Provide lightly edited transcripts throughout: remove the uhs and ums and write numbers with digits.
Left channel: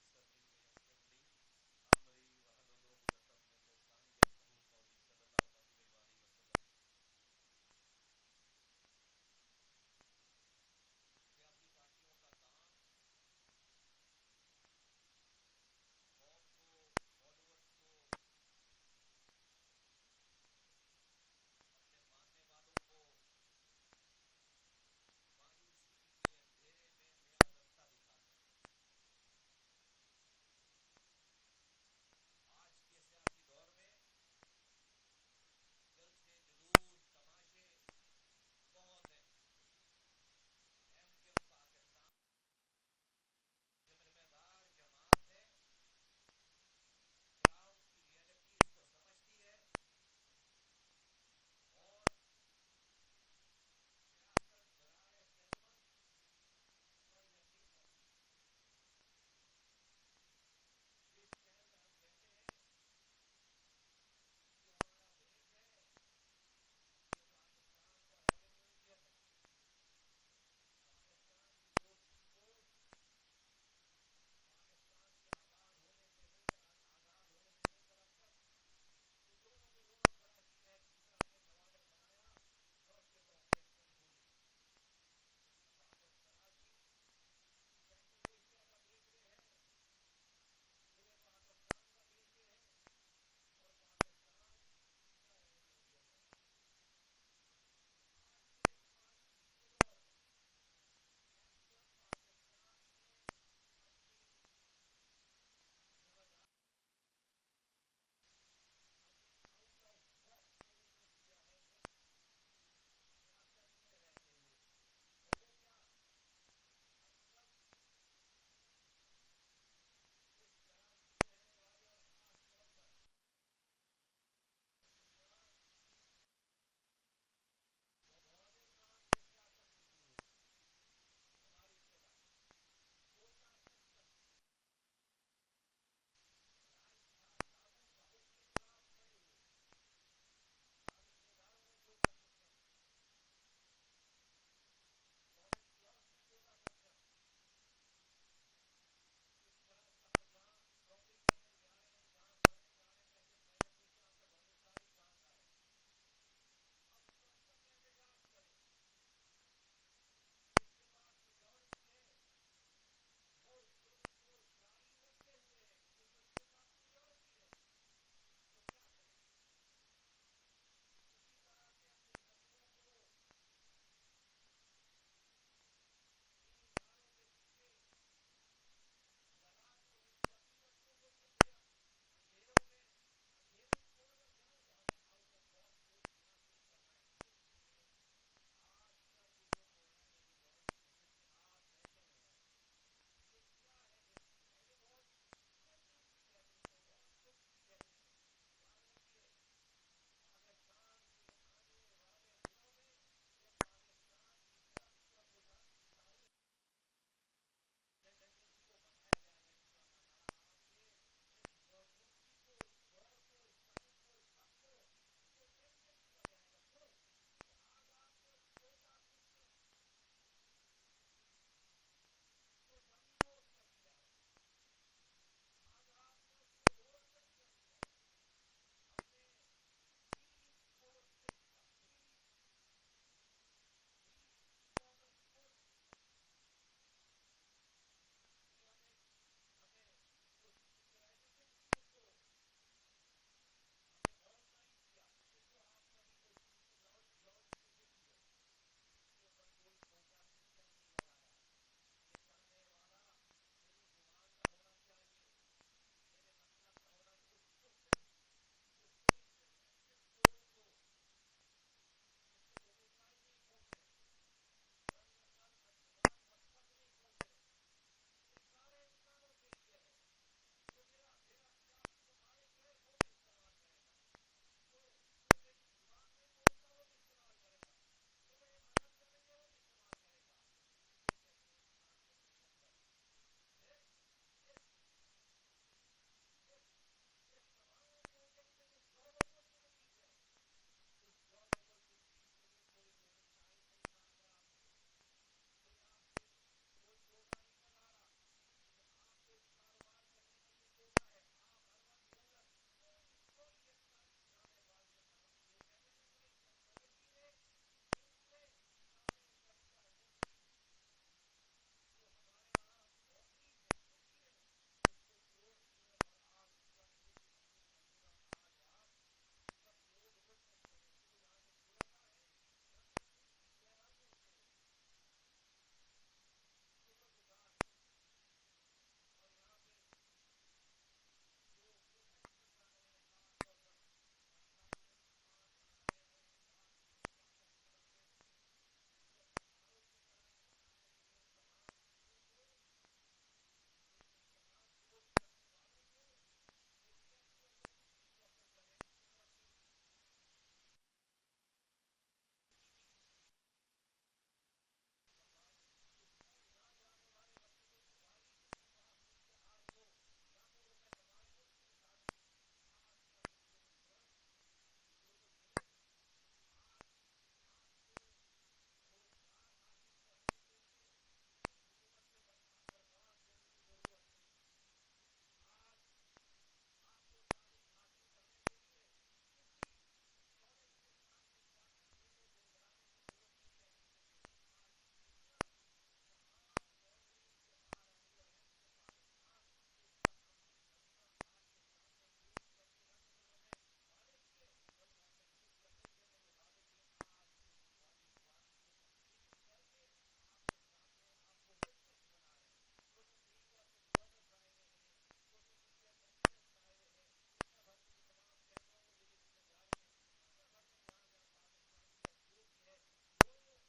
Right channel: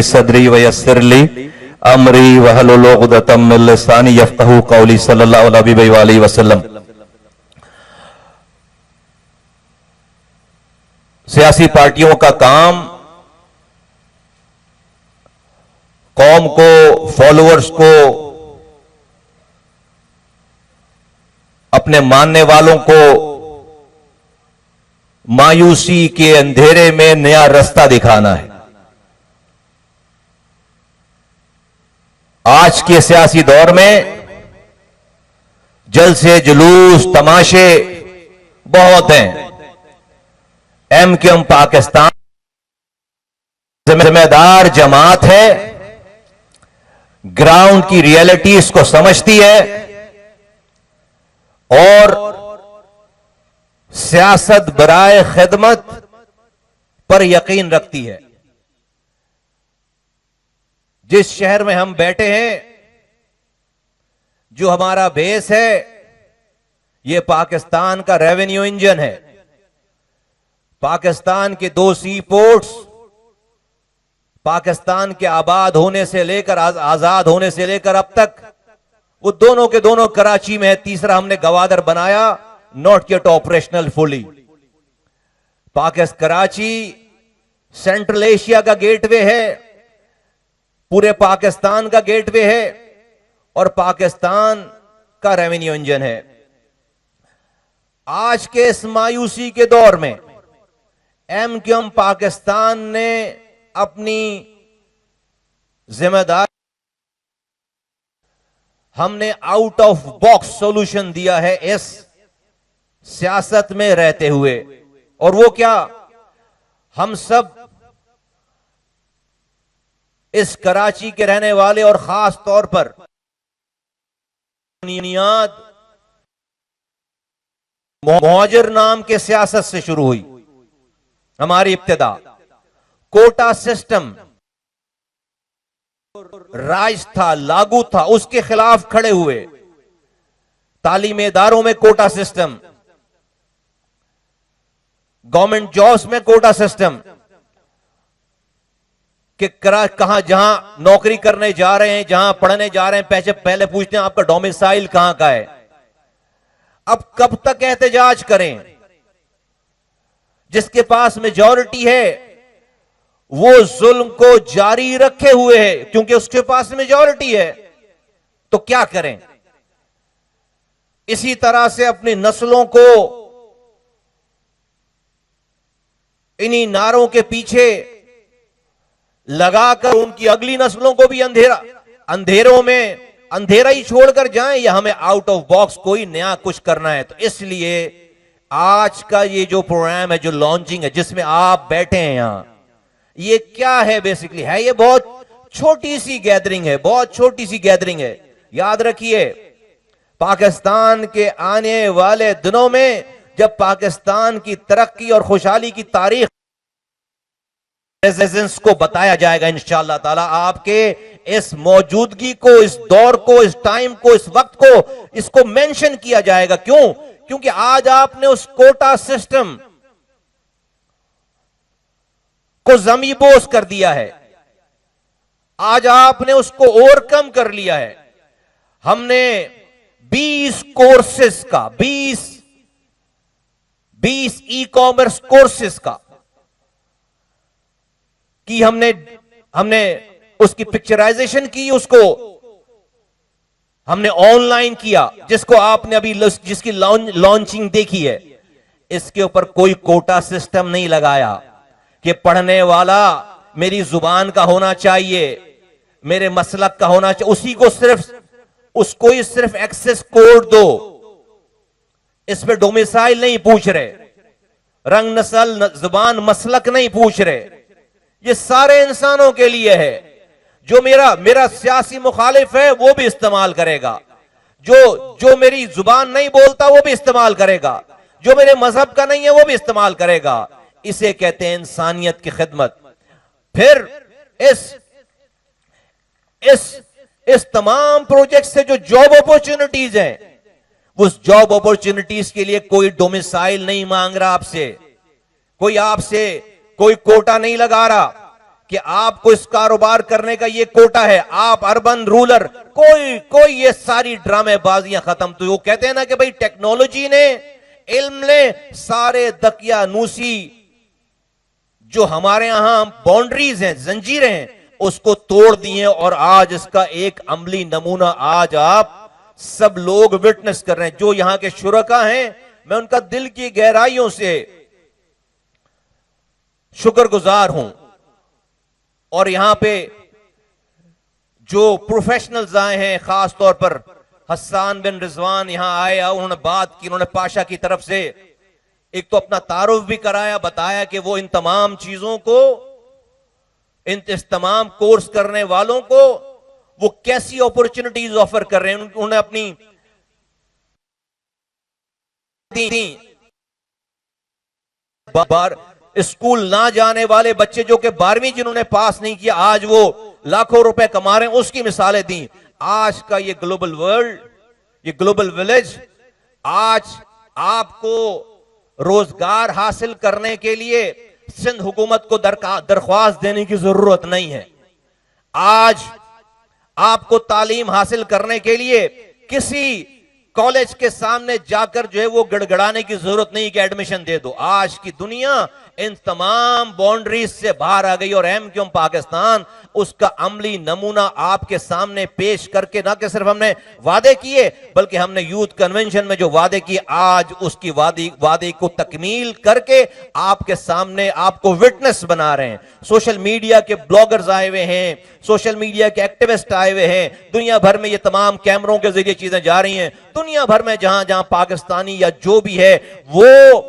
ली सदरी व यस्सिर ली अमरी वहलुल उक़दतम मिन लिसानी यफ़क़हू क़ौली सल्लल्लाहु अलैहि वसल्लम। सियासी पार्टियों का काम कौम को, फॉलोअर्स को, अपने मानने वालों को मायूसी के अंधेरे में नया रास्ता दिखाना है। आज के सियासी दौर में जलसे, जुलूस, तमाशे बहुत हैं। एमक्यूएम पाकिस्तान जिम्मेदार जमात है, ग्राउंड की रियलिटीज को समझती है और सियासत बराए खिदमत पर यकीन रखती है। जिस शहर में हम बैठे हैं, जो हमारा बेस है, यह पाकिस्तान का रेवेन्यू इंजन है। पाकिस्तान के 2 सी पोर्ट्स, पाकिस्तान के आबाद होने से लेकर, आजाद होने से लेकर अब तक, वो दोनों के दोनों कराची में है। तीसरा हमने गवादर बनाया, not yet operational fully. Karachi central Asia का गेटवे है, पूरे पाकिस्तान का गेटवे है और पाकिस्तान का रेवेन्यू इंजन है। आज के इस मायूसी के दौर में एमक्यूएम पाकिस्तान ने अपनी जिम्मेदारी, हमने आउट ऑफ बॉक्स सॉल्यूशन दिया है इस सियासत में रहते हुए। और वो क्या, हम सब इस कराची के रहने वाले और खास तौर पर बुनियाद मुहाजिर नाम के सियासत से शुरू हुई हमारी इब्तिदा। कोटा सिस्टम राज था, लागू था, उसके खिलाफ खड़े हुए। तालीमी इदारों में कोटा सिस्टम, गवर्नमेंट जॉब्स में कोटा सिस्टम, कि कहां जहां नौकरी करने जा रहे हैं, जहां पढ़ने जा रहे हैं, पहले पूछते हैं आपका डोमिसाइल कहां का है। अब कब तक एहतजाज करें? जिसके पास मेजॉरिटी है वो जुल्म को जारी रखे हुए है, क्योंकि उसके पास मेजॉरिटी है। तो क्या करें? इसी तरह से अपनी नस्लों को इन्हीं नारों के पीछे लगाकर उनकी अगली नस्लों को भी अंधेरों में अंधेरा ही छोड़कर जाएं, या हमें आउट ऑफ बॉक्स कोई नया कुछ करना है। तो इसलिए आज का ये जो प्रोग्राम है, जो लॉन्चिंग है, जिसमें आप बैठे हैं यहां, ये क्या है? बेसिकली है, ये बहुत छोटी सी गैदरिंग है, बहुत छोटी सी गैदरिंग है। याद रखिए, पाकिस्तान के आने वाले दिनों में जब पाकिस्तान की तरक्की और खुशहाली की तारीख प्रेजेंस को बताया जाएगा इंशाअल्लाह ताला, आपके इस मौजूदगी को, इस दौर को, इस टाइम को, इस वक्त को, इसको मेंशन किया जाएगा। क्यों? क्योंकि आज आपने उस कोटा सिस्टम को ज़मीबोस कर दिया है, आज आपने उसको ओवरकम कर लिया है। हमने 20 कोर्सेस का, 20 ई कॉमर्स कोर्सेस का कि हमने उसकी पिक्चराइजेशन की, उसको हमने ऑनलाइन किया, जिसको आपने अभी जिसकी लॉन्चिंग देखी है। इसके ऊपर कोई कोटा सिस्टम नहीं लगाया कि पढ़ने वाला मेरी जुबान का होना चाहिए, मेरे मसलक का होना चाहिए, उसको ही सिर्फ एक्सेस कोड दो। इस पे डोमिसाइल नहीं पूछ रहे, रंग, नस्ल, जुबान, मसलक नहीं पूछ रहे। ये सारे इंसानों के लिए है। जो मेरा सियासी मुखालिफ है वो भी इस्तेमाल करेगा, जो मेरी जुबान नहीं बोलता वो भी इस्तेमाल करेगा, जो मेरे मजहब का नहीं है वो भी इस्तेमाल करेगा। इसे कहते हैं इंसानियत की खिदमत। फिर इस तमाम प्रोजेक्ट से जो जॉब अपॉर्चुनिटीज हैं, उस जॉब अपॉर्चुनिटीज के लिए कोई डोमिसाइल नहीं मांग रहा आपसे, कोई कोटा नहीं लगा रहा कि आपको इस कारोबार करने का ये कोटा है, आप अर्बन रूरल, कोई कोई ये सारी ड्रामेबाजियां खत्म। तो वो कहते हैं ना कि भाई टेक्नोलॉजी ने, इल्म ने सारे दकियानूसी जो हमारे यहां बाउंड्रीज हैं, जंजीरें हैं, उसको तोड़ दिए। और आज इसका एक अमली नमूना आज आप सब लोग विटनेस कर रहे हैं। जो यहां के शुरका हैं, मैं उनका दिल की गहराइयों से शुक्रगुजार हूं। और यहां पे जो प्रोफेशनल्स आए हैं, खास तौर पर हसन बिन रिजवान यहां आए, उन्होंने बात की, उन्होंने पाशा की तरफ से एक तो अपना तारुफ भी कराया, बताया कि वो इन तमाम चीजों को, इस तमाम कोर्स करने वालों को वो कैसी अपॉर्चुनिटीज ऑफर कर रहे हैं। उन्होंने अपनी बार स्कूल ना जाने वाले बच्चे जो कि 12वीं जिन्होंने पास नहीं किया, आज वो लाखों रुपए कमा रहे हैं, उसकी मिसालें दी। आज का ये ग्लोबल वर्ल्ड, ये ग्लोबल विलेज, आज आपको रोजगार हासिल करने के लिए सिंध हुकूमत को दरख्वास्त देने की जरूरत नहीं है। आज आपको तालीम हासिल करने के लिए किसी कॉलेज के सामने जाकर जो है वो गड़गड़ाने की जरूरत नहीं कि एडमिशन दे दो। आज की दुनिया इन तमाम बाउंड्रीज से बाहर आ गई और एमक्यूएम पाकिस्तान उसका अमली नमूना आपके सामने पेश करके ना कि सिर्फ हमने वादे किए, बल्कि हमने यूथ कन्वेंशन में जो वादे किए, आज उसकी वादे को तकमील करके आपके सामने आपको विटनेस बना रहे हैं। सोशल मीडिया के ब्लॉगर्स आए हुए हैं, सोशल मीडिया के एक्टिविस्ट आए हुए हैं, दुनिया भर में ये तमाम कैमरों के जरिए चीजें जा रही हैं। दुनिया भर में जहां जहां पाकिस्तानी या जो भी है वो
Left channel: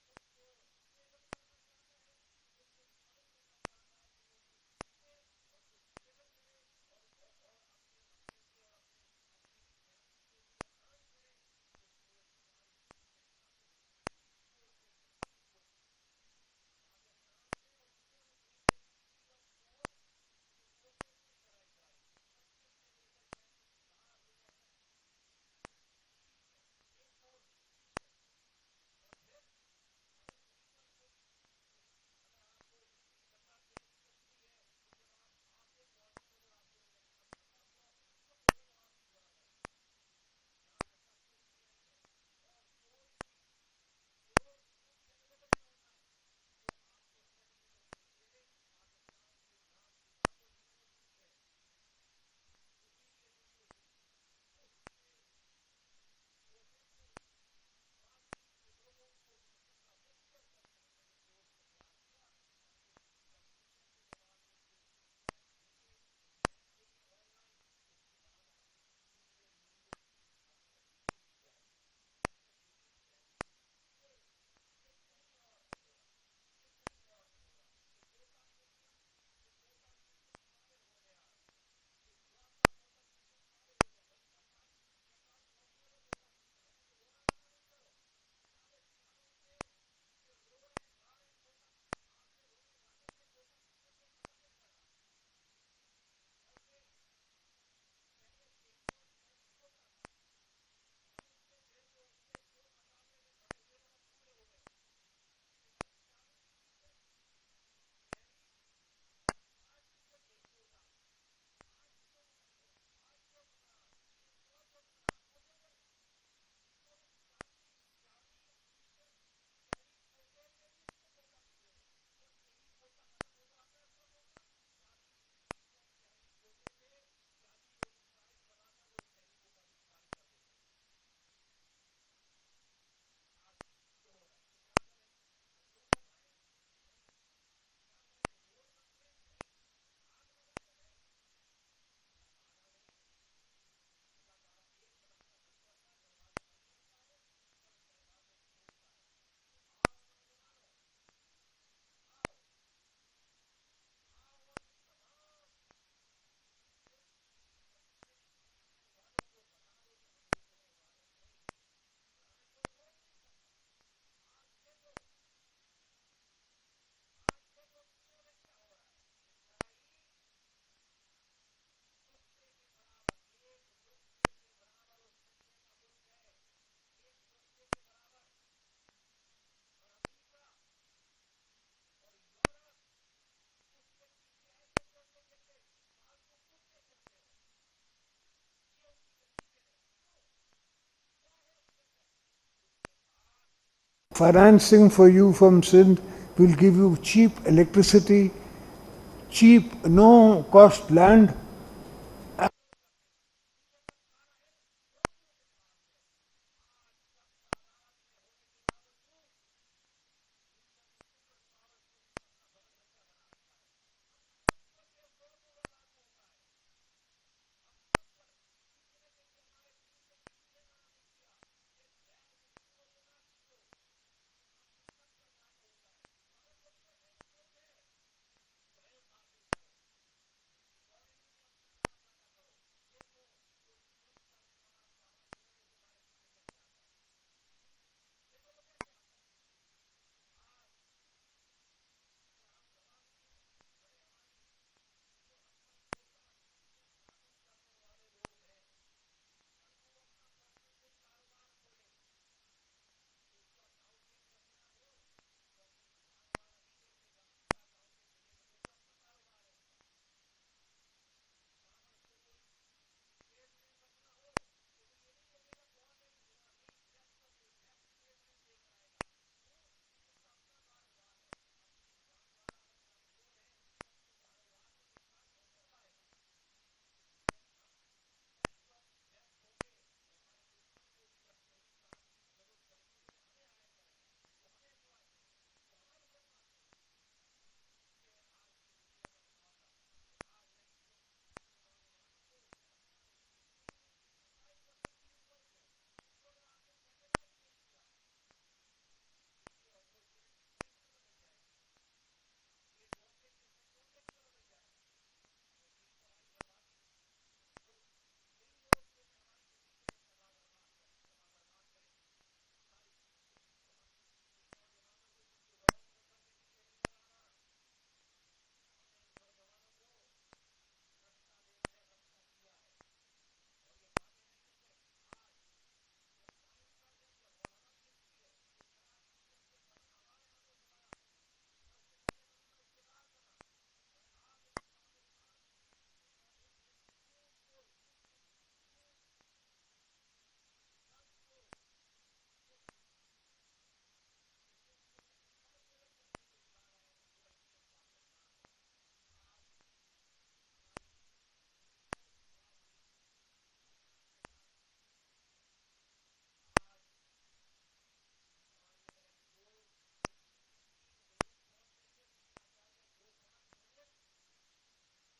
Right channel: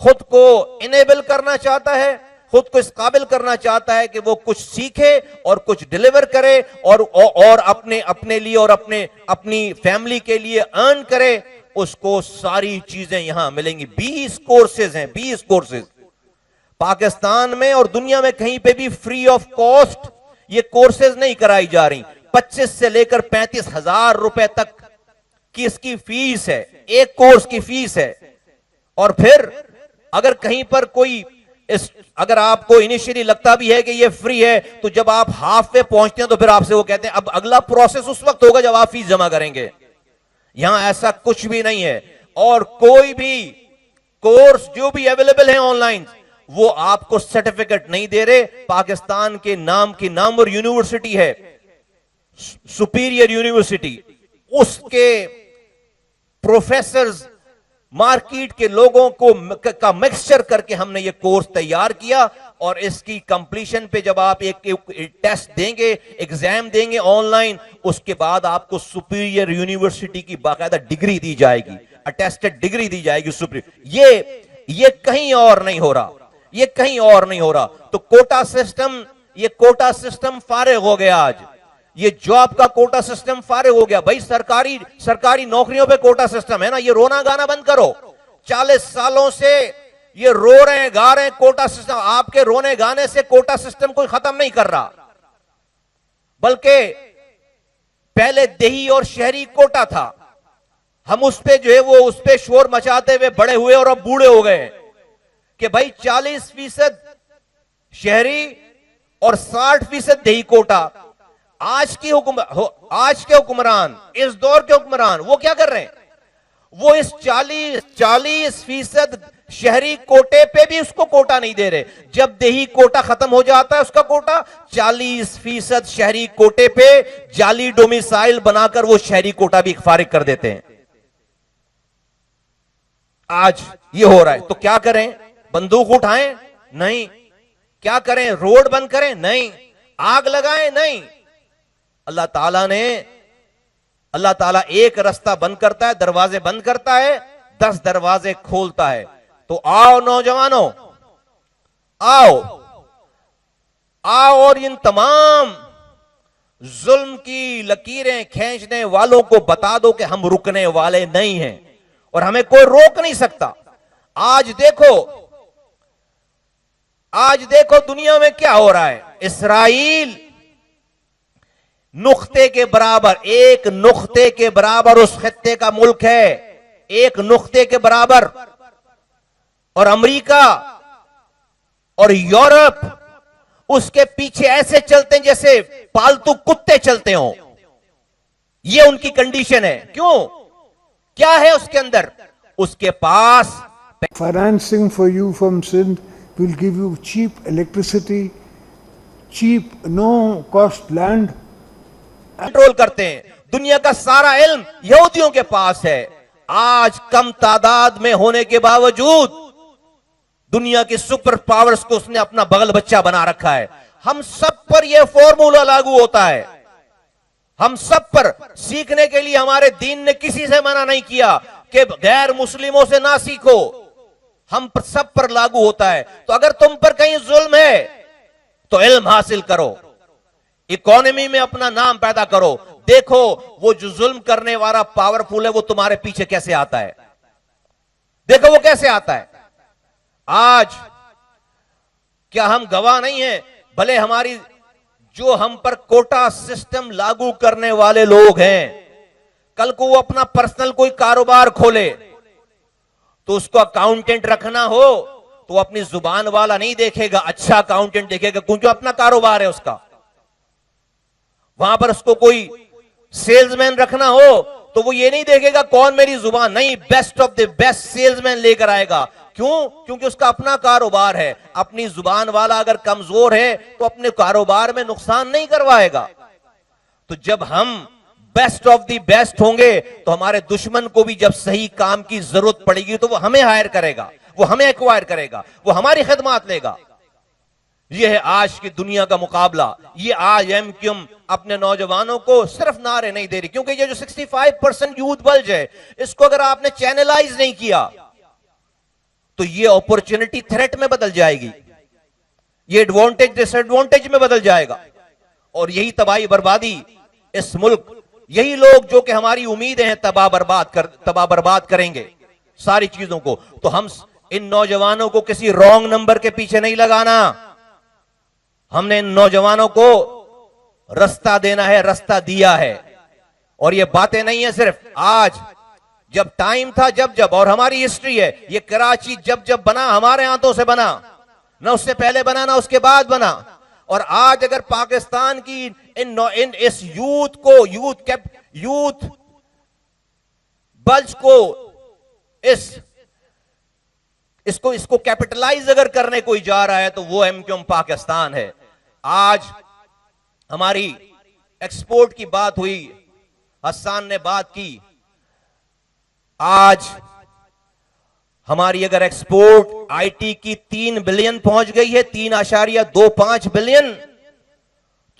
खुद को इनेबल करना चाहता है, खुद को इस काबिल करना चाहता है कि वो कुछ सीखे और कुछ डिलीवर करे और अपने लिए और अपनी फैमिली के लिए अर्न करे, उसको सारी चीजें यहां मिलेंगी। 20 कोर्सेज हैं, 20 कोर्सेज पाकिस्तान में और दुनिया में कहीं पे भी फ्री ऑफ कॉस्ट ये कोर्सेज नहीं कराई जा रही। 25 से लेकर 35 हजार रुपए तक की इसकी फीस है, एक कोर्स की फीस है। और फिर अगर कहीं पर कोई अगर आपको इनिशियली लगता भी है कि ये फ्री है, तो जब आप हाफ पे पहुंचते हैं तो फिर आपसे वो कहते हैं अब अगला प्रोसेस उस वक्त होगा जब आप फीस जमा करेंगे। यहां ऐसा कुछ भी नहीं है। और कोई भी कोर्स जो भी अवेलेबल है ऑनलाइन, वो आपको सर्टिफिकेट नहीं दे रहे। पाकिस्तान के नाम की नामवर यूनिवर्सिटी है, सुपीरियर यूनिवर्सिटी, उसके प्रोफेसर्स मार्केट के लोगों को का मिक्सचर करके हमने ये कोर्स तैयार किया। और इसकी कंप्लीशन पे जब आप एक टेस्ट देंगे, एग्जाम देंगे ऑनलाइन, उसके बाद आपको सुपीरियर यूनिवर्सिटी की बाकायदा डिग्री दी जाएगी, अटेस्टेड डिग्री दी जाएगी सुपीरियर। ये कहीं और नहीं हो रहा, ये कहीं और नहीं हो रहा। तो कोटा सिस्टम, ये कोटा सिस्टम फारिग हो गया। आज ये जॉब का कोटा सिस्टम फारिग हो गया। भाई सरकारी नौकरियों पे कोटा सिस्टम है ना, ये रोना गाना बंद करो। 40 सालों से ये रो रहे हैं, गा रहे हैं कोटा सिस्टम। आपके रोने गाने से कोटा सिस्टम कोई खत्म नहीं कर रहा, बल्कि पहले देही और शहरी कोटा था। हम उस पे जो है वो उस पे शोर मचाते हुए बड़े हुए और अब बूढ़े हो गए कि भाई 40% शहरी और 60% देही कोटा। आज के हुक्मरान, इस दौर के हुक्मरान वो क्या कर रहे हैं? वो इस 40% शहरी कोटे पे भी उसको कोटा नहीं दे रहे। जब देही कोटा खत्म हो जाता है उसका कोटा, 40% शहरी कोटे पे जाली डोमिसाइल बनाकर वो शहरी कोटा भी फारिग कर देते हैं। आज ये हो रहा है। तो क्या करें? बंदूक उठाएं? नहीं। क्या करें? रोड बंद करें? नहीं। आग लगाएं? नहीं। अल्लाह ताला एक रास्ता बंद करता है, दरवाजे बंद करता है, 10 दरवाजे खोलता है। तो आओ नौजवानों, आओ और इन तमाम जुल्म की लकीरें खींचने वालों को बता दो कि हम रुकने वाले नहीं हैं और हमें कोई रोक नहीं सकता। आज देखो दुनिया में क्या हो रहा है। इसराइल नुक्ते के बराबर, एक नुक्ते के बराबर उस खित्ते का मुल्क है, एक नुक्ते के बराबर। और अमेरिका और यूरोप उसके पीछे ऐसे चलते हैं जैसे पालतू कुत्ते चलते हो। ये उनकी कंडीशन है। क्यों? क्या है उसके अंदर? उसके पास Financing for you from Sindh will give you cheap electricity, cheap, no cost land. Control करते हैं। दुनिया का सारा इल्म यहूदियों के पास है। आज कम तादाद में होने के बावजूद दुनिया की सुपर पावर्स को उसने अपना बगल बच्चा बना रखा है। हम सब पर यह फॉर्मूला लागू होता है। हम सब पर सीखने के लिए हमारे दीन ने किसी से मना नहीं किया कि गैर मुस्लिमों से ना सीखो। हम पर सब पर लागू होता है। तो अगर तुम पर कहीं जुल्म है तो इल्म हासिल करो, इकोनॉमी में अपना नाम पैदा करो। देखो वो जो जुल्म करने वाला पावरफुल है वो तुम्हारे पीछे कैसे आता है। देखो वो कैसे आता है। आज क्या हम गवाह नहीं है? भले हमारी जो हम पर कोटा सिस्टम लागू करने वाले लोग हैं, कल को वो अपना पर्सनल कोई कारोबार खोले तो उसको अकाउंटेंट रखना हो तो वो अपनी जुबान वाला नहीं देखेगा, अच्छा अकाउंटेंट देखेगा, क्योंकि अपना कारोबार है उसका। वहां पर उसको कोई सेल्समैन रखना हो तो वो ये नहीं देखेगा कौन मेरी जुबान, नहीं, best of the best salesman लेकर आएगा। क्यों? क्योंकि उसका अपना कारोबार है। अपनी जुबान वाला अगर कमजोर है तो अपने कारोबार में नुकसान नहीं करवाएगा। तो जब हम बेस्ट ऑफ द बेस्ट होंगे तो हमारे दुश्मन को भी जब सही काम की जरूरत पड़ेगी तो वो हमें हायर करेगा, वो हमें एक्वायर करेगा, वो हमारी खिदमत लेगा। यह है आज की दुनिया का मुकाबला। ये आज एमक्यूएम अपने नौजवानों को सिर्फ नारे नहीं दे रही, क्योंकि ये जो 65% यूथ बल्ज है, इसको अगर आपने चैनलाइज नहीं किया तो ये अपॉर्चुनिटी थ्रेट में बदल जाएगी, ये एडवांटेज डिसएडवांटेज में बदल जाएगा। और यही तबाही बर्बादी इस मुल्क, यही लोग जो कि हमारी उम्मीदें हैं तबाह बर्बाद करेंगे सारी चीजों को। तो हम इन नौजवानों को किसी रॉन्ग नंबर के पीछे नहीं लगाना। हमने इन नौजवानों को रास्ता देना है, रास्ता दिया है। और ये बातें नहीं है सिर्फ आज, जब टाइम था, जब और हमारी हिस्ट्री है, ये कराची जब बना हमारे हाथों से बना, ना उससे पहले बना ना उसके बाद बना। और आज अगर पाकिस्तान की इस यूथ बल्ज को इसको कैपिटलाइज अगर करने कोई जा रहा है तो वो एमक्यूएम पाकिस्तान है। आज हमारी एक्सपोर्ट की बात हुई, हसन ने बात की। आज हमारी अगर एक्सपोर्ट आईटी की 3 बिलियन पहुंच गई है, 3.25 बिलियन,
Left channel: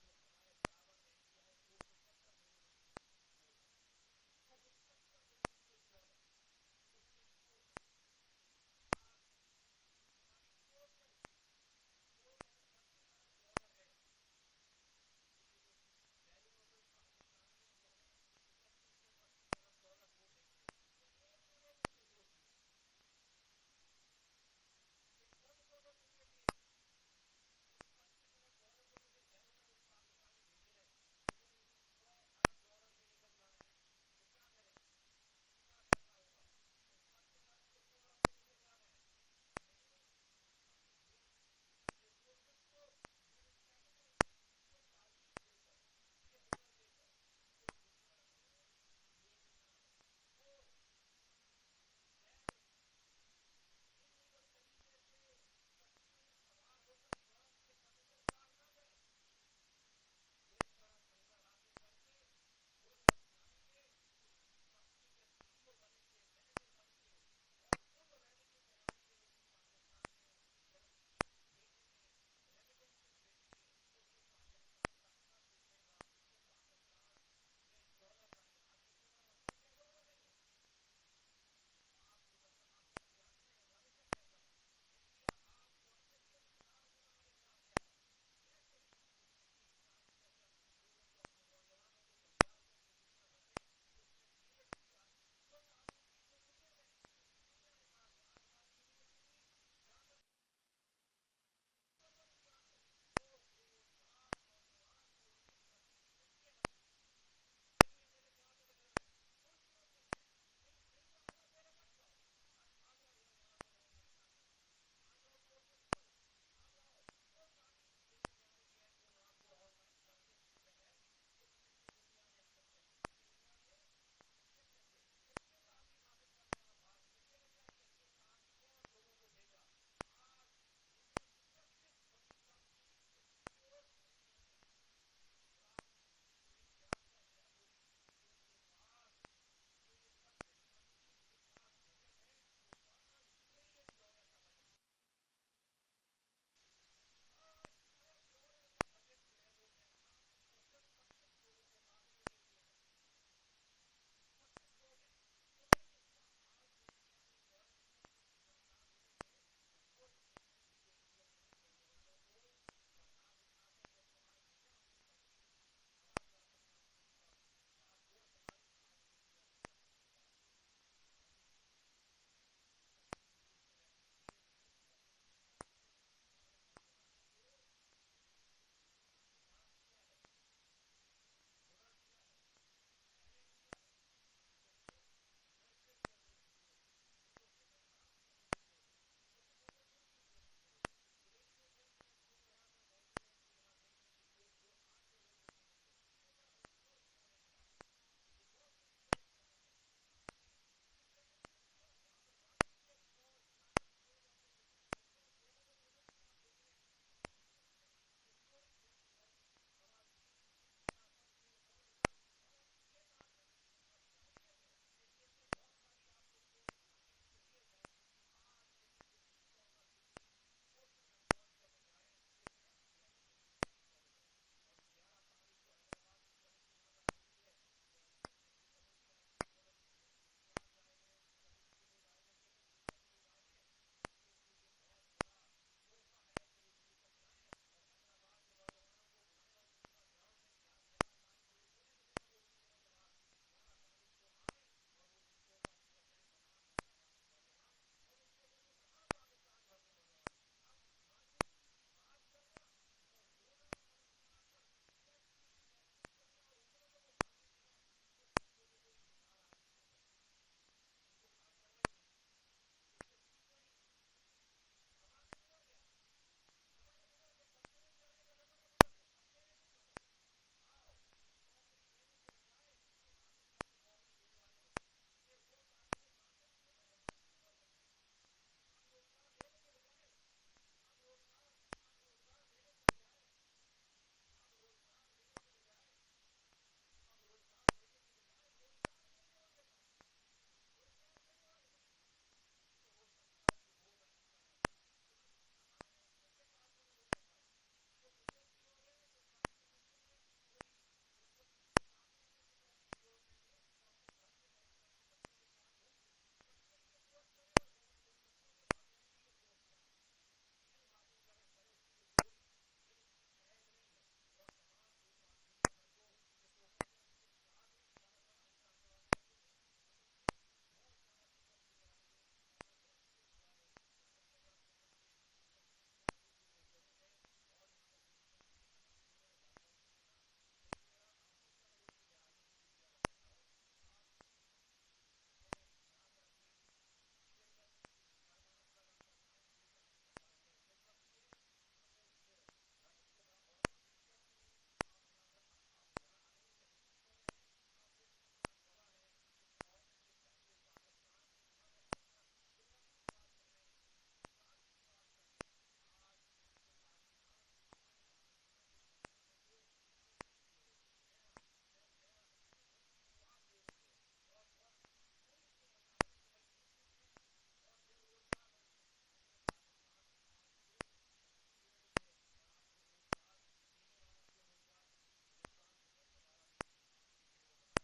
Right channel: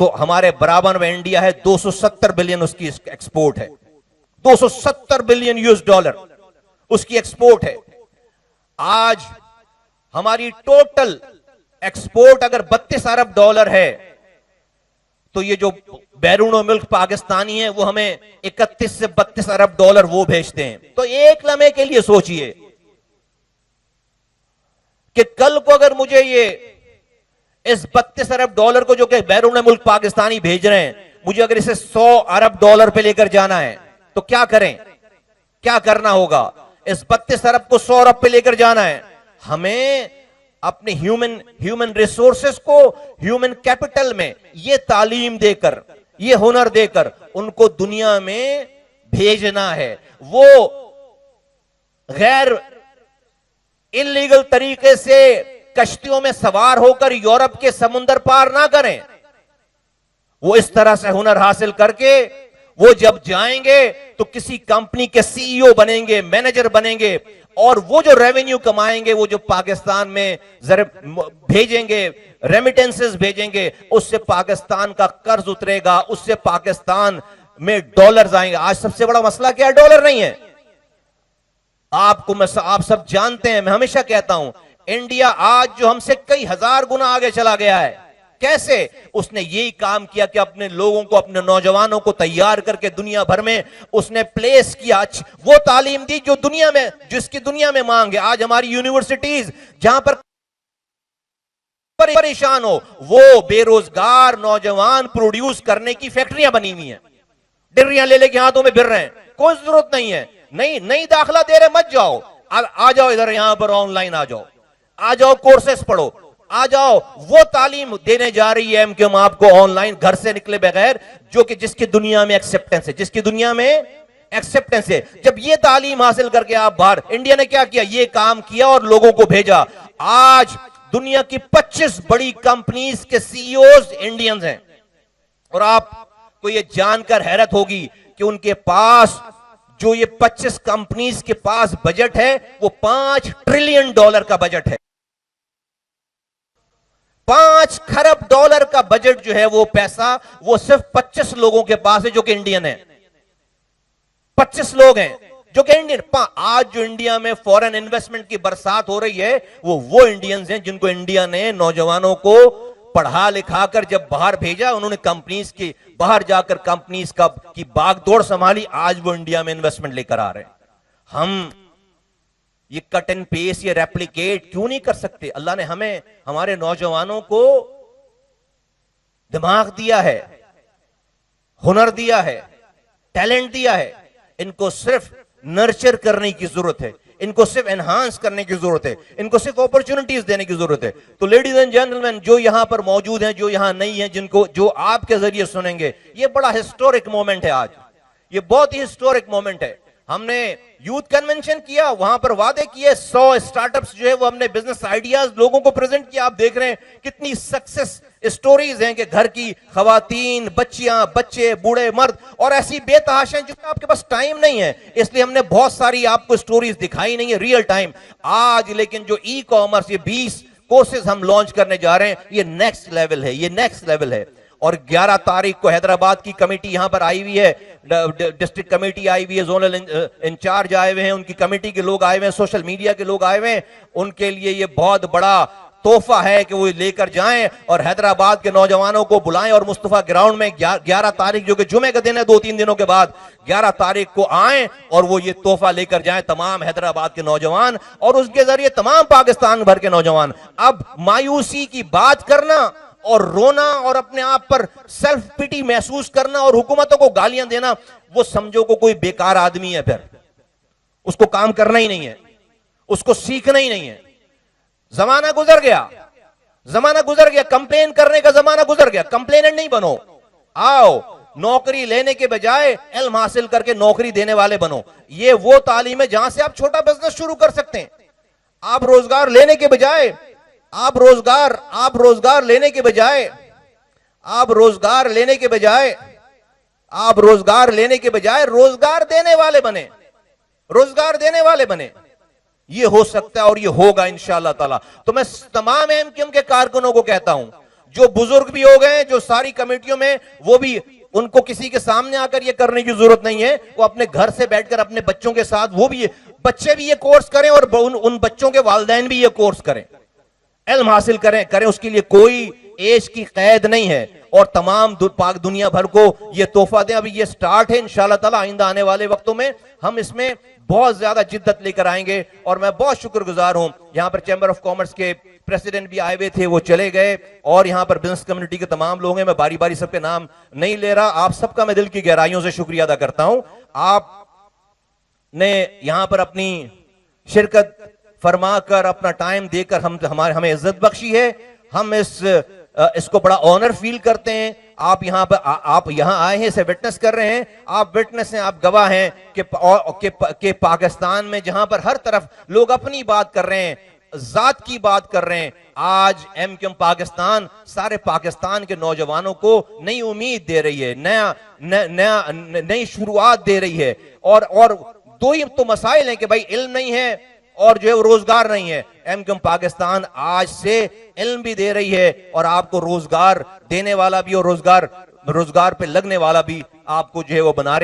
तो हमारे बराबर में इंडिया है, 270 बिलियन उसकी एक्सपोर्ट है। 270 बिलियन यूएस डॉलर उसकी एक्सपोर्ट है। आज हमारी टोटल एक्सपोर्ट अगर 32 अरब डॉलर है तो ये जो बैरून मुल्क पाकिस्तानी है वो हमें 31 से 32 अरब डॉलर वो भेजते हैं। तो एक लम्हे के लिए सोचिए कि कल को अगर मुझे ये इस 32 अरब डॉलर को जो कि बैरून मुल्क पाकिस्तानी भेज रहे हैं, मुझे अगर इसे 100 अरब डॉलर पे लेकर जाना है तो क्या करें? क्या करना होगा? इस 32 अरब को 100 अरब पे लेकर जाना है। हमें अपने ह्यूमन रिसोर्सेस को ह्यूमन कैपिटल में ये तालीम देकर, ये हुनर देकर उनको दुनिया में भेजना है। वो गैर इलीगल तरीके से कश्तियों में सवार होकर यूरोप के समुंदर पार ना करें। वो इस तरह से हुनर हासिल करके वो जब जाएंगे तो किसी कंपनी के सीईओ बनेंगे, मैनेजर बनेंगे, और वो जो रेवेन्यू कमाएंगे, वो जो पाकिस्तान में भेजेंगे, रेमिटेंसेस भेजेंगे, उससे पाकिस्तान का कर्ज उतरेगा, उससे पाकिस्तान में डॉलर्स आएंगे। आज सबसे बड़ा मसला क्या है? डॉलर नहीं है। आप सब जानते हैं, मैं हमेशा कहता हूं, इंडिया आज जो हमसे कई हजार गुना आगे चला गया है। कैसे? उसने यही काम किया कि अपने लोगों को, अपने नौजवानों को तैयार करके दुनिया भर में उसने प्लेस किया, वो तालीम दी जो दुनिया में, जिसकी दुनिया में मांग है। आज हमारी यूनिवर्सिटीज जहां पर परेशान हो, वो बेरोजगार नौजवान प्रोड्यूस करने की फैक्ट्रियां बनी हुई हैं। डिग्रियां ले लेके हाथों में फिर रहे हैं, कोई जरूरत नहीं है। नहीं दाखिला दे रहे मत जाओ, आ जाओ इधर, यहां पर ऑनलाइन आ जाओ, कोर्सेस पढ़ो। आ जाओ। वो तालीम देने जा रही है एमक्यूएम आपको ऑनलाइन, घर से निकले बगैर, जो कि जिसकी दुनिया में एक्सेप्टेंस है, जिसकी दुनिया में एक्सेप्टेंस है। जब ये तालीम हासिल करके आप बाहर, इंडिया ने क्या किया, ये काम किया और लोगों को भेजा। आज दुनिया की 25 बड़ी कंपनीज के सीईओज इंडियंस हैं, और आपको ये जानकर हैरत होगी कि उनके पास जो ये 25 कंपनीज के पास बजट है वो $5 ट्रिलियन का बजट है। $5 खरब का बजट जो है, वो पैसा वो सिर्फ 25 लोगों के पास है जो कि इंडियन है। 25 लोग हैं जो कि इंडियन। आज जो इंडिया में फॉरेन इन्वेस्टमेंट की बरसात हो रही है, वो इंडियंस हैं जिनको इंडिया ने, नौजवानों को पढ़ा लिखा कर जब बाहर भेजा, उन्होंने कंपनीज की बाहर जाकर कंपनीज की बागडोर संभाली। आज वो इंडिया में इन्वेस्टमेंट लेकर आ रहे हैं। हम ये कट एंड पेस्ट, ये रेप्लिकेट क्यों नहीं कर सकते? अल्लाह ने हमें, हमारे नौजवानों को दिमाग दिया है, हुनर दिया है, टैलेंट दिया है। इनको सिर्फ नर्चर करने की जरूरत है, इनको सिर्फ एनहांस करने की जरूरत है, इनको सिर्फ अपॉर्चुनिटीज देने की जरूरत है। तो लेडीज एंड जेंटलमैन, जो यहां पर मौजूद हैं, जो यहां नहीं है, जिनको, जो आपके जरिए सुनेंगे, ये बड़ा हिस्टोरिक मोमेंट है। आज ये बहुत ही हिस्टोरिक मोमेंट है। हमने यूथ कन्वेंशन किया, वहां पर वादे किए, 100 स्टार्टअप्स जो है वो हमने बिजनेस आइडियाज लोगों को प्रेजेंट किया। आप देख रहे हैं कितनी सक्सेस स्टोरीज हैं कि घर की खवातीन, बच्चियां, बच्चे, बूढ़े, मर्द, और ऐसी बेतहाशा हैं जिसमें आपके पास टाइम नहीं है, इसलिए हमने बहुत सारी आपको स्टोरीज दिखाई नहीं है रियल टाइम। आज लेकिन जो ई कॉमर्स, ये 20 कोर्सेज हम लॉन्च करने जा रहे हैं, ये नेक्स्ट लेवल है, ये नेक्स्ट लेवल है। और 11 तारीख को हैदराबाद की कमेटी यहां पर आई हुई है, डिस्ट्रिक्ट कमेटी आई हुई है, जोनल इंचार्ज आए हुए हैं, उनकी कमेटी के लोग आए हुए हैं, सोशल मीडिया के लोग आए हुए हैं। उनके लिए ये बहुत बड़ा तोहफा है कि वो लेकर जाएं और हैदराबाद के नौजवानों को बुलाएं और मुस्तफा ग्राउंड में 11 तारीख, जो कि जुमे का दिन है, 2-3 दिनों के बाद 11 तारीख को आएं और वो ये तोहफा लेकर जाएं, तमाम हैदराबाद के नौजवान और उसके जरिए तमाम पाकिस्तान भर के नौजवान। अब मायूसी की बात करना और रोना और अपने आप पर सेल्फ पिटी महसूस करना और हुकूमतों को गालियां देना, वो समझो को कोई बेकार आदमी है, फिर उसको काम करना ही नहीं है, उसको सीखना ही नहीं है। जमाना गुजर गया, जमाना गुजर गया, कंप्लेन करने का जमाना गुजर गया। कंप्लेनेंट नहीं बनो, आओ नौकरी लेने के बजाय इल्म हासिल करके नौकरी देने वाले बनो। ये वो तालीम है जहां से आप छोटा बिजनेस शुरू कर सकते हैं। आप रोजगार लेने के बजाय, आप रोजगार लेने के बजाय रोजगार देने वाले बने, रोजगार देने वाले बने। ये हो सकता है और ये होगा इंशाअल्लाह ताला। तो मैं तमाम एमक्यूएम के कारकुनों को कहता हूं, जो बुजुर्ग भी हो गए, जो सारी कमेटियों में, वो भी, उनको किसी के सामने आकर ये करने की जरूरत नहीं है। वो अपने घर से बैठकर अपने बच्चों के साथ, वो भी, बच्चे भी ये कोर्स करें और उन बच्चों के वालिदैन भी ये कोर्स करें, इल्म हासिल करें। उसके लिए कोई एज की कैद नहीं है और तमाम पाक दुनिया भर को ये तोहफा दें। अभी ये स्टार्ट है, इंशाअल्लाह ताला आइंदा आने वाले वक्तों में हम इसमें बहुत ज्यादा जिद्दत लेकर आएंगे। और मैं बहुत शुक्रगुजार हूं, यहां पर चैंबर ऑफ कॉमर्स के प्रेसिडेंट भी आए हुए थे, वो चले गए, और यहां पर बिजनेस कम्युनिटी के तमाम लोग हैं। मैं बारी बारी सबके नाम नहीं ले रहा, आप सबका मैं दिल की गहराइयों से शुक्रिया अदा करता हूं। आपने यहां पर अपनी शिरकत फरमाकर, अपना टाइम देकर हमें इज्जत बख्शी है। हम इसको बड़ा ऑनर फील करते हैं। आप यहां पर, आप यहां आए हैं, इसे विटनेस कर रहे हैं, आप विटनेस हैं, आप गवाह हैं कि पाकिस्तान में जहां पर हर तरफ लोग अपनी बात कर रहे हैं, जात की बात कर रहे हैं, आज एमक्यूएम पाकिस्तान सारे पाकिस्तान के नौजवानों को नई उम्मीद दे रही है, नई शुरुआत दे रही है। और दो ही तो मसाइल हैं कि भाई इल्म नहीं है और जो है वो रोजगार नहीं है। एमक्यूएम पाकिस्तान आज से इल्म भी दे रही है और आपको रोजगार देने वाला भी, और रोजगार पे लगने वाला भी आपको जो है वो बना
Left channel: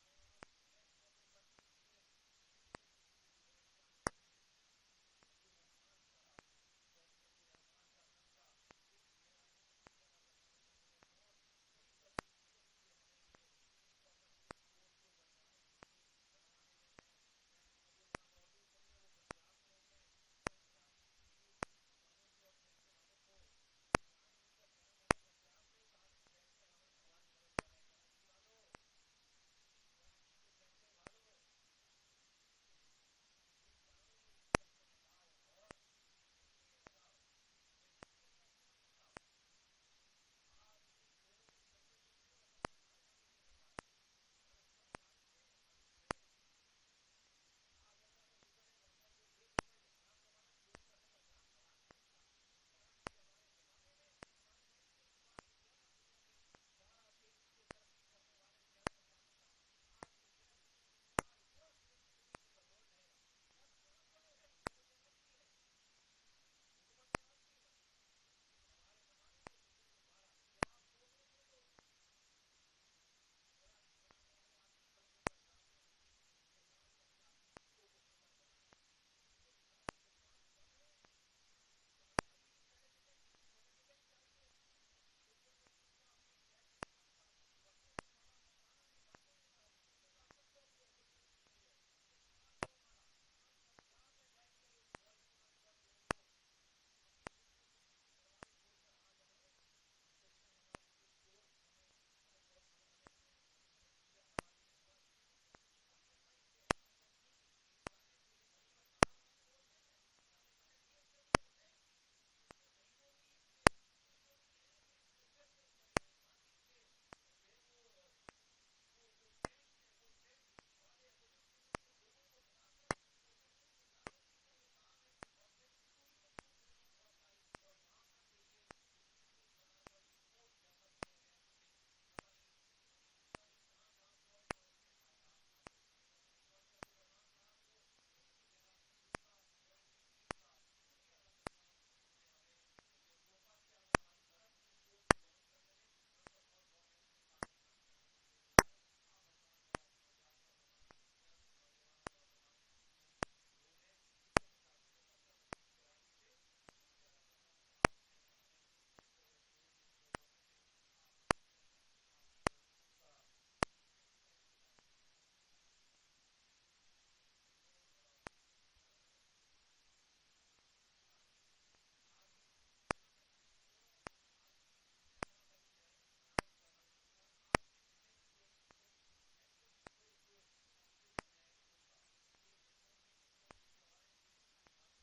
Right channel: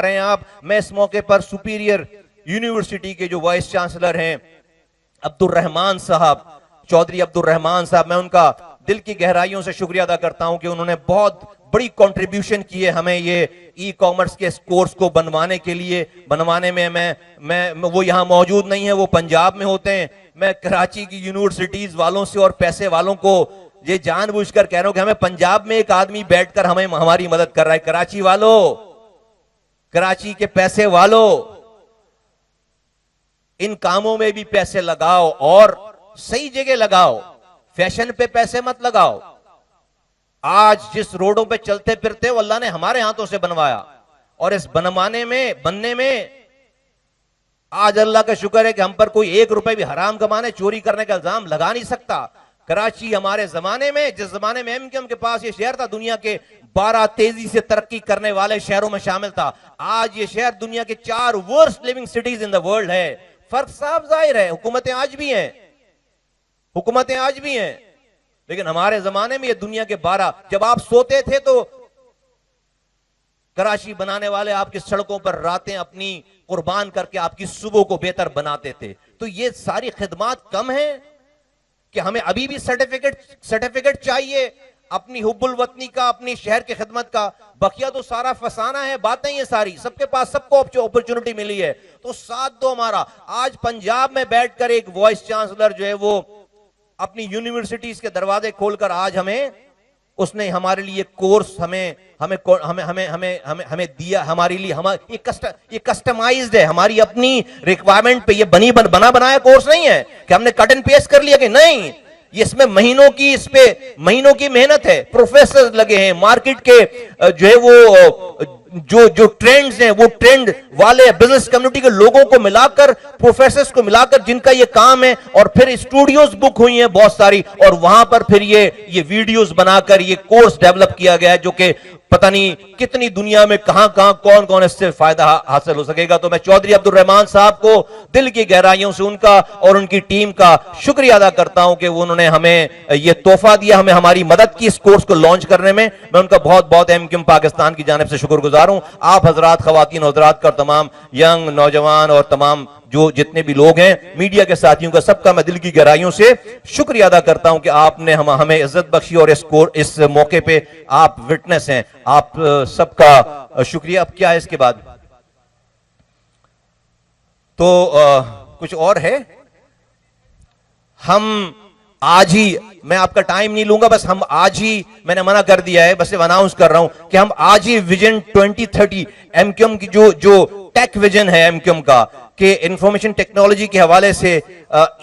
रहे हैं आप। मैं इस मौके पर सुपीरियर यूनिवर्सिटी के जो वाइस चांसलर हैं अब्दुर्रहमान साहब, चौधरी अब्दुर्रहमान साहब, मैं उनका दिल की गहराइयों से शुक्रिया अदा करता हूं कि उन्होंने बहुत बड़ी कंट्रीब्यूशन की है हमें ये ई कॉमर्स के कोर्स को बनवाने में। मैं वो यहां मौजूद नहीं है, वो पंजाब में होते हैं। मैं कराची की यूनिवर्सिटीज वालों से और पैसे वालों को ये जानबूझकर कह रहा हूं कि हमें पंजाब में एक आदमी बैठकर हमारी मदद कर रहा है। कराची वालों, कराची के पैसे वालों, इन कामों में भी पैसे लगाओ और सही जगह लगाओ। फैशन पे पैसे मत लगाओ। आज जिस रोडों पे चलते फिरते हो अल्लाह ने हमारे हाथों से बनवाया, और इस बनने में आज अल्लाह का शुक्र है कि हम पर कोई 1 रुपए भी हराम कमाने चोरी करने का इल्जाम लगा नहीं सकता। कराची हमारे जमाने में, जिस जमाने में एमक्यूएम के पास ये शहर था, दुनिया के 12 तेजी से तरक्की करने वाले शहरों में शामिल था। आज ये शहर दुनिया के 4 worst living cities in the world है। फर्क साफ जाहिर है, हुकूमतें आज भी हैं, लेकिन हमारे जमाने में ये दुनिया के 12, जब आप सोते थे तो कराची बनाने वाले आपकी सड़कों पर रातें अपनी कुर्बान करके आपकी सुबह को बेहतर बनाते थे। तो ये सारी खिदमात कम है कि हमें अभी भी सर्टिफिकेट चाहिए अपनी हुब्बुल वतनी का, अपनी शहर की खिदमत का? बकिया तो सारा फसाना है, बातें ये सारी, सबके पास सबको अपॉर्चुनिटी मिली है, तो साथ दो हमारा। आज पंजाब में बैठकर एक वाइस चांसलर जो है वो अपनी यूनिवर्सिटीज के दरवाजे खोलकर आज उसने हमारे लिए कोर्स हमें दिया, हमारे लिए ये कस्टमाइज्ड है, हमारी अपनी रिक्वायरमेंट पे ये बना बनाया कोर्स नहीं है कि हमने कट एंड पेस्ट कर लिया, कि नहीं, ये इसमें महीनों की मेहनत है। प्रोफेसर लगे हैं, मार्केट के जो है वो जो ट्रेंड्स हैं, वो ट्रेंड वाले बिजनेस कम्युनिटी के लोगों को मिलाकर, प्रोफेसर्स को मिलाकर, जिनका ये काम है, और फिर स्टूडियोज बुक हुई हैं बहुत सारी, और वहां पर फिर ये वीडियोस बनाकर ये कोर्स डेवलप किया गया है, जो कि पता नहीं कितनी दुनिया में कहां कौन इससे फायदा हासिल हो सकेगा। तो मैं चौधरी अब्दुल रहमान साहब को दिल की गहराइयों से उनका और उनकी टीम का शुक्रिया अदा करता हूं कि उन्होंने हमें ये तोहफा दिया, हमें हमारी मदद की इस कोर्स को लॉन्च करने में। मैं उनका बहुत बहुत एमक्यूएम पाकिस्तान की जानिब से शुक्रगुजार हूं। आप हजरात, खवातीन हजरात का, तमाम यंग नौजवान और तमाम जो जितने भी लोग हैं, मीडिया के साथियों का, सबका मैं दिल की गहराइयों से शुक्रिया अदा करता हूं कि आपने हमें इज्जत बख्शी, और इस मौके पे आप विटनेस हैं। आप सबका शुक्रिया। अब क्या है इसके बाद? तो कुछ और है? हम आज ही, मैं आपका टाइम नहीं लूंगा, बस हम आज ही, मैंने मना कर दिया है, बस अनाउंस कर रहा हूं कि हम आज ही विजन 2030 एमक्यूएम की जो टेक विजन है एमक्यूएम का, कि इंफॉर्मेशन टेक्नोलॉजी के हवाले से,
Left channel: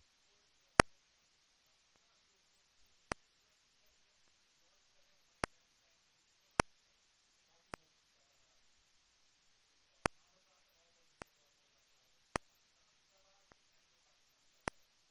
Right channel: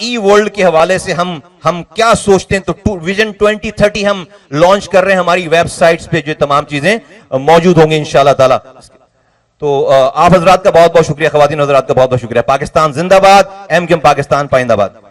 ई वर्ल्ड के हवाले से हम क्या सोचते हैं, तो विजन 2030 हम लॉन्च कर रहे हैं। हमारी वेबसाइट्स पे जो तमाम चीजें मौजूद होंगी इंशाल्लाह ताला। तो आप हजरात का बहुत बहुत शुक्रिया, खवातीन हजरात का बहुत बहुत शुक्रिया। पाकिस्तान जिंदाबाद, एमक्यूएम पाकिस्तान पाइंदाबाद।